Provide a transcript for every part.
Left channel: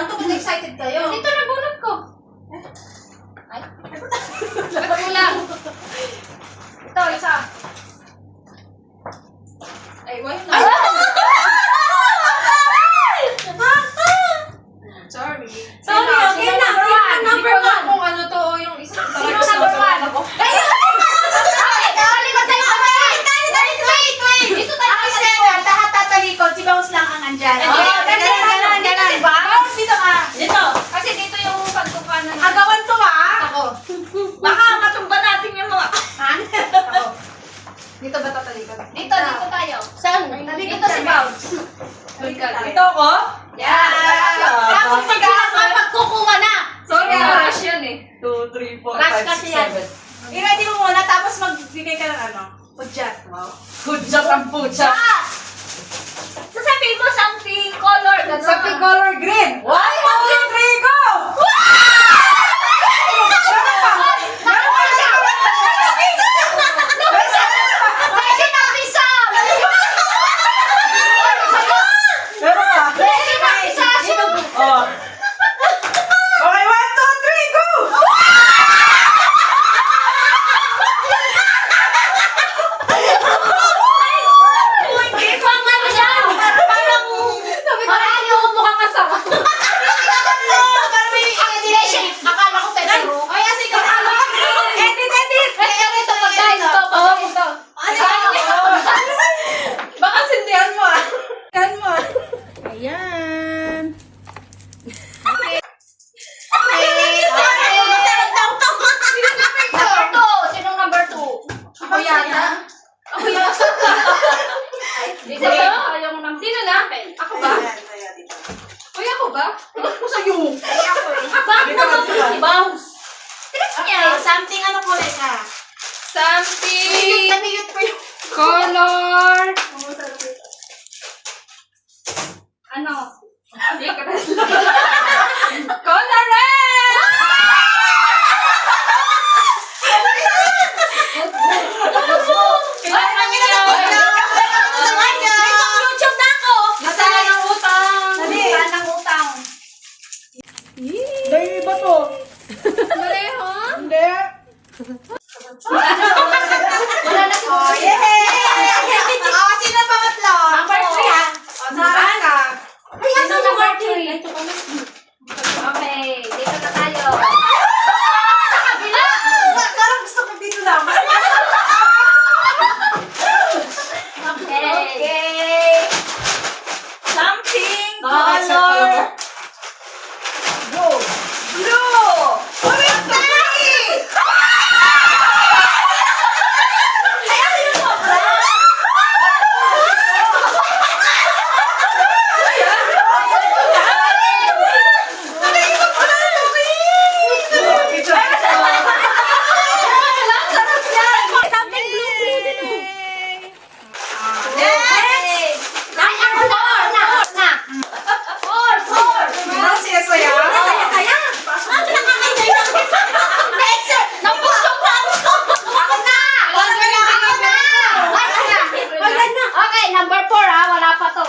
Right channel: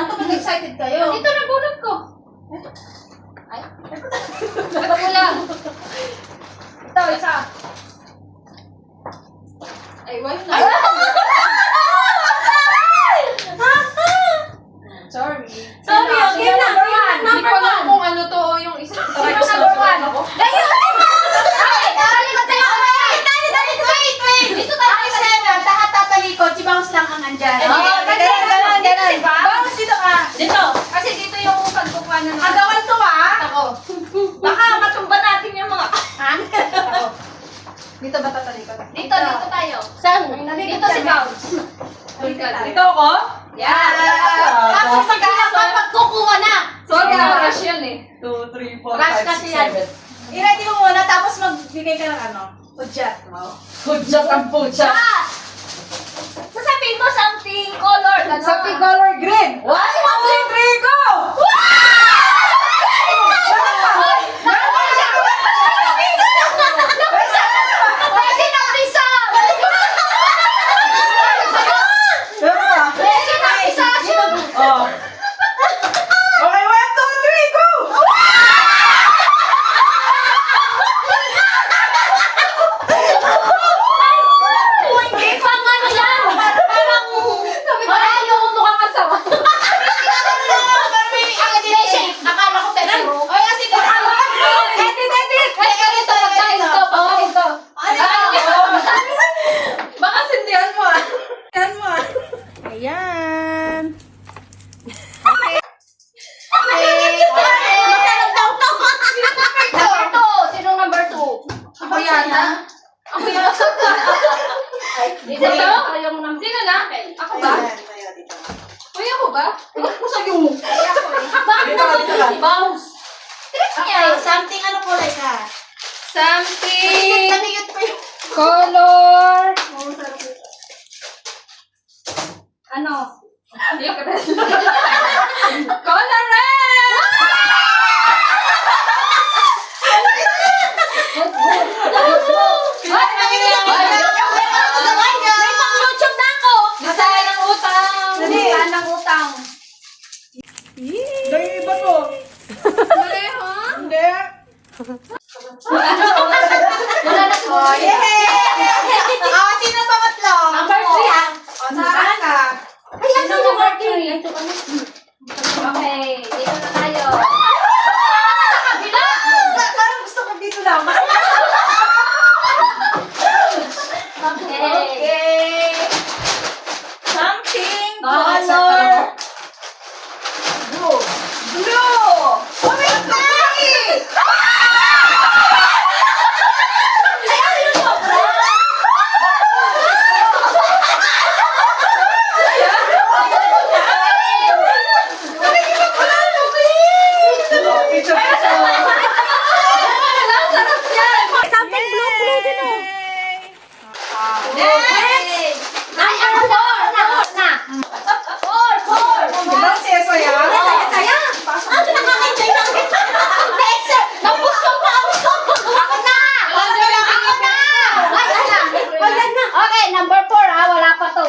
Ito ba't excited kayo? Dito na bunot ko. Ay. Ito mo lang. Ito, isa. Ay, why na? Sorry. Sorry, okay na. Number one. Kung ano to, yung isa. Sino number one? Ayun! Dito tayo kasi tatalikod, si Bounce lang ang andyan. Ganun. Bounce, dito ka. Dito. Kasi dito yung pagkukanan ng... Agawan to Ako. Baka matumba natin yung mga... Ako. Dito ba tatalikod? Dito tayo. Saan? Dito si Bounce. Ito ako? Yan. Tapos pagkukuha na. Sorry, rush yan eh. 2, 3, 4, Rush kasi yan. I-ready mo muna, tapos magbigay ka ng ano? Pudyat. Wow. Pudyat ang pudyat. Sasabihin mo something color. Something color green. 1, 2, 3, go! Meron ka? Oh. Okay, 1, 2, 3, go! Baka sindihan mo ah. Yan mo. Ayan. Sinong number 2? Ako yata. Ako yata. Dito ba? Sino na? Ako ba? Uy, ako ba? Ako sa'yo. Bakit na si Bounce? Something ano kulay ka? Something. Naniyot pa yung... Color. Ano? Color red. YouTube na ako! Nasaan ang utang? Saan ang utang? Dahil ba to? Pareho? Hindi. Wala na si Oh, yay! Oh, sino pangatlo? Number 3 ah. Saan ka? Sino number 3? Okay, dito na tayo. Sa kabila! Parang gusto ko dito lang. Okay. Something Color. blue. Blue! Orange na Something blue din oh. Okay. Ay, ako na. 4. Ilan siya saya? Saya. Ano nakakita yun? Next. Nabusog na. Ako na. Okay, number 4 ah. Wala pa to.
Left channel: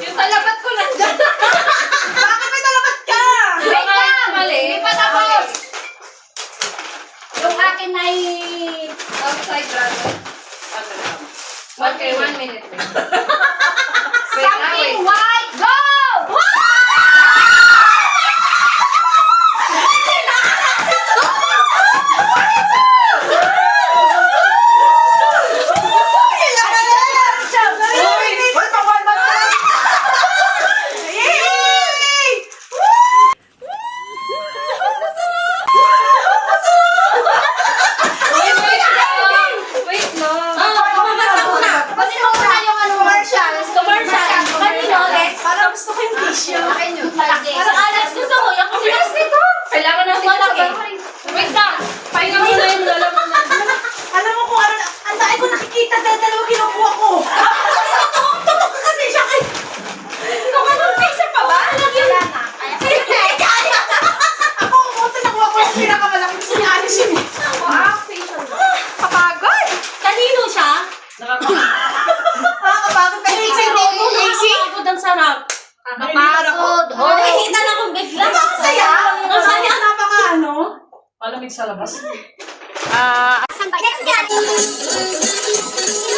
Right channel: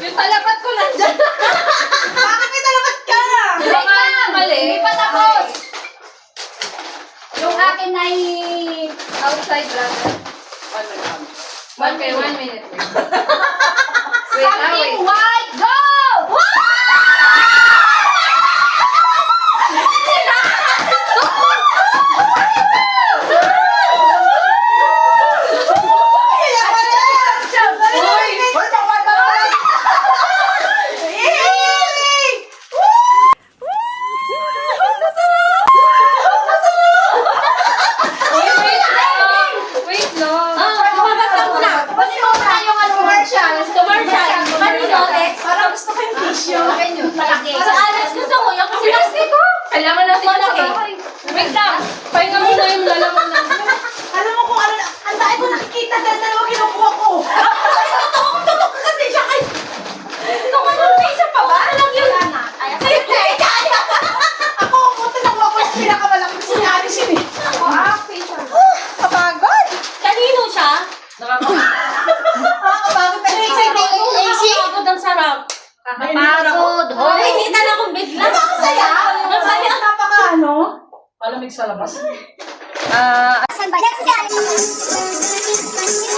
Yung talabat ko nandyan. Bakit may talabat ka? Wait lang. Mali. Hindi pa tapos. Yung akin ay... Outside brother. Okay, 1 minute. Wait, Something wait. white. Go! Hoy, pagwala! Yay! Wait lang. Bumabasa muna. Basta muna yung ano. Commercial. Kanino? Nakikita na kong bigla. Masaya. Masaya. Napaka ano. Malamig sa labas. Asan ba? Next yan.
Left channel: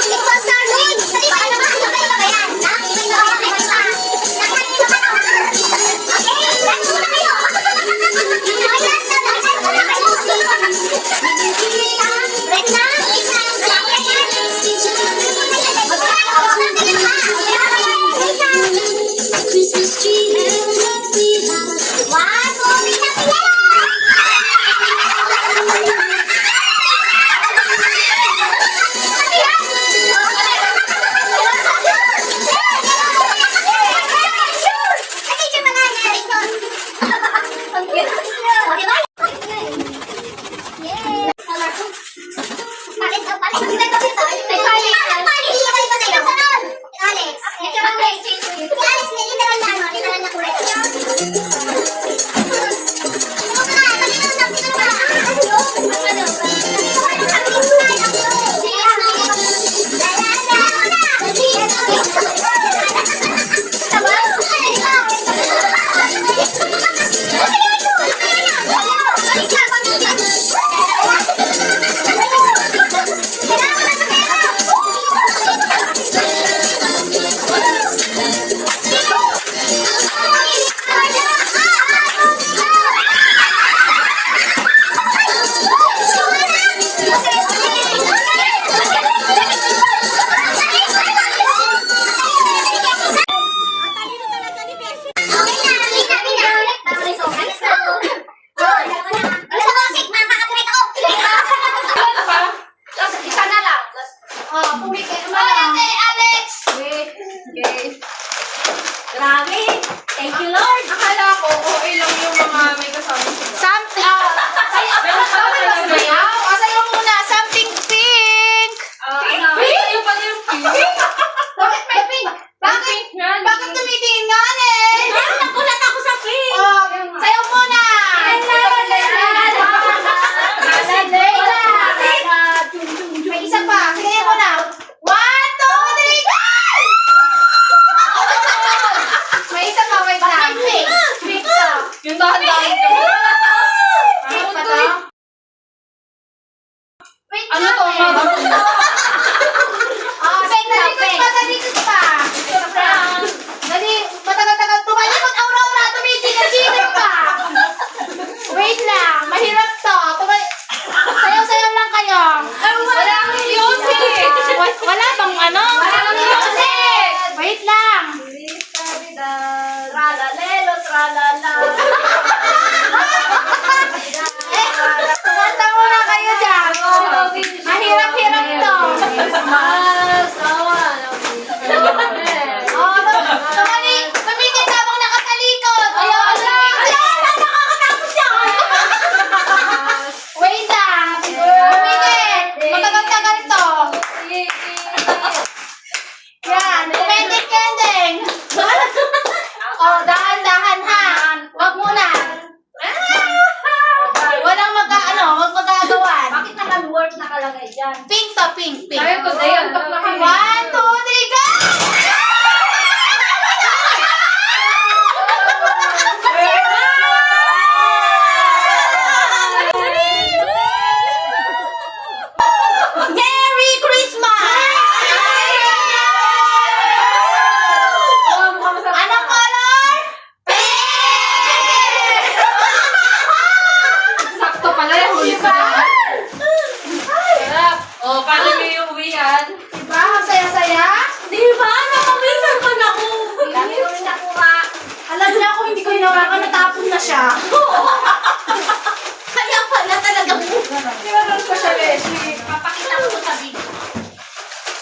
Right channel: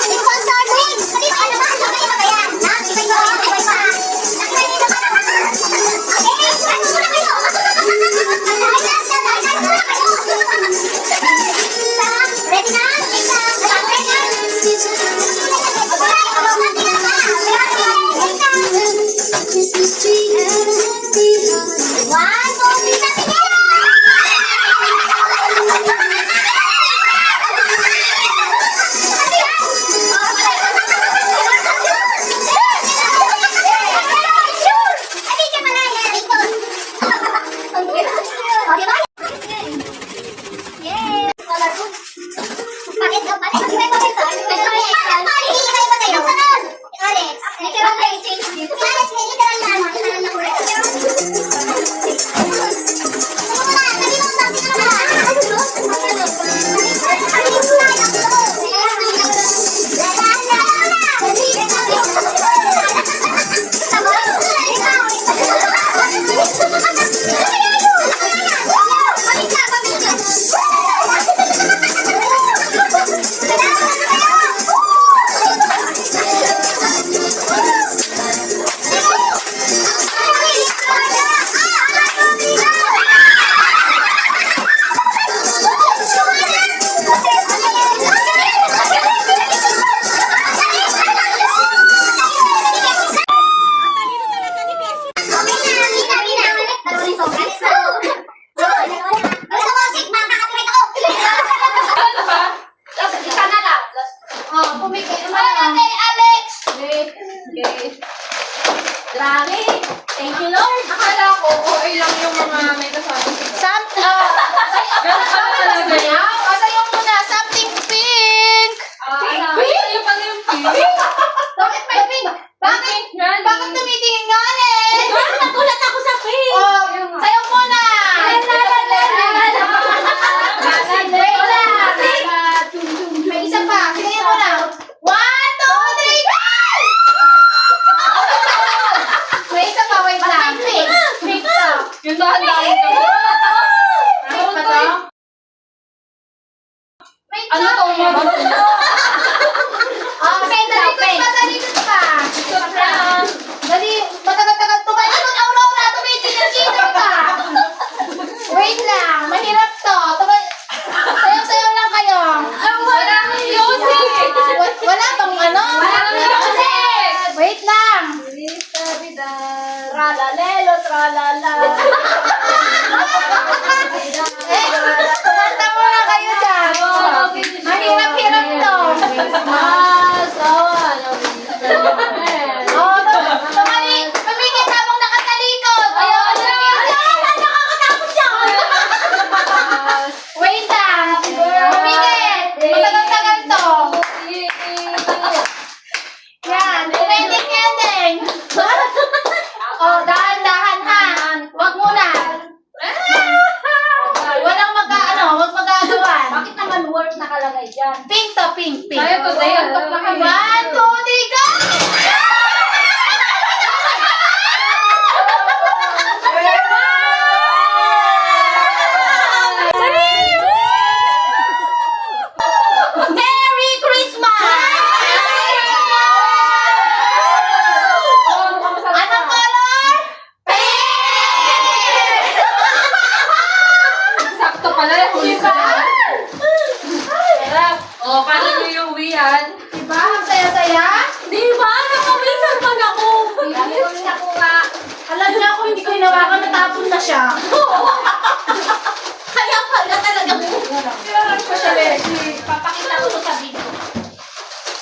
Sponsor din. Sabi ba, ano ba? Ano ba yan? Ha? Ibay ba? Ibay ba? Nakinig naman ako. Okay? Last muna kayo. Okay, last na. Last muna kayo. Ready na? Ready na? Christmas tree and happy holidays. One, two, three, happy Grabe. Thank you, Lord. Akala ko, okay lang yung mga may kasama siya. Sayo muna. Something pink. Yung pala yung pink. Bakit may pink? Bakit? Bakit tumitingin nga eh? Nagulat ako sa pink. Oh, sayo muna. May isa pa. Sige muna. 1, 2, 3, go! May isa pa. Wait lang. Pink. Pink to. Yung dahan-dahan ka. Pink pa to. Wait Ano lang. to? Oh, pink to. Pink. Dito pa. Dali. Matagal-tagal. Tumalikod, Aurora. Tumitingin pa. Wait lang. Mahirap to. Sayaw-sayaw lang kayo. Wala akong music. Wala bang ano? Wala akong music. Wait lang. Tralalelo, tralala. Kumanta muna kayo dyan. Mahirap-hirap to. Tumigil habang nakatalikod. Ayaw ko lang yun dyan. Nakakatakot yan. Wait lang. Tumigil. Matagal-tagal to. Yan. Kumending-kending. Oh, dahan-dahan ha. Wag muna. Walang wag magagawan. Bakit naman-word nakalagay dyan? Pink to, pink, pink. Tayo today, ang paglaki. 1, 2, 3, go! Merry Christmas! Anong color? Pink! Sakto pala yung huli ko. Oh, paano yung uwi yan? Diba? Ang saya-saya? Diba? Nakawisan pa na ako. Dami kami nakuha. Alam niya ako, hindi ko hinawakan, natapon na siya. Kaya pala talaga mo. Kailangan ko siya, Leslie. Papakita ko sa video.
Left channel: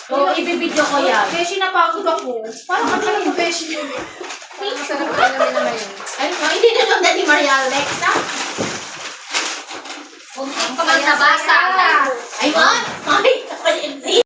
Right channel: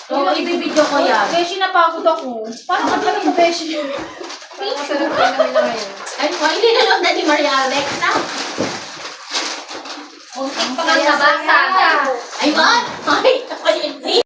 So, ibibidyo ko yan. Beshi, napagod ako. Paano ka talaga, Beshi? Parang masarap kayo namin na ngayon. Ay, hindi na lang na ni Maria Alex, ha? Pagkabasa. Ay, man! Ay, hindi.